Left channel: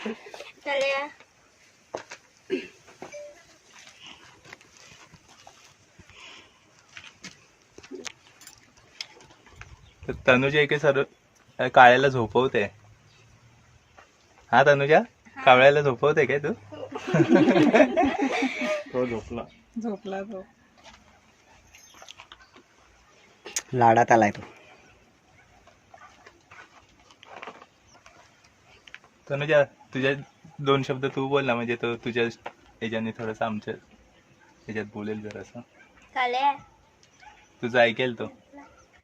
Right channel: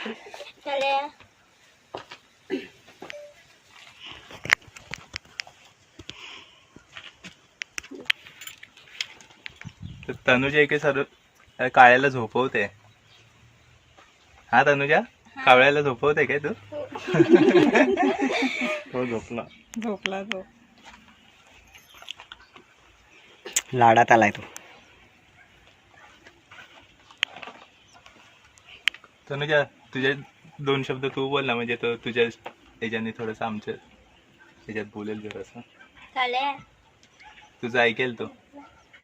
चालेल. तनुजा इकडे सर्व काळ्याला झोपवते. हा तनुजा, कावळ्याला झोपवते काय तू? तो झोपला. झोपला तो. लाडात आलाय तो. तनुजा, तुझ्या 2 शब्द तू बोल ना, म्हणजे तो तुझ्या याच्याने थोडस आमच्या याच्यात बोलेल जरासं. चालेल. तुझं ऐकेल तो.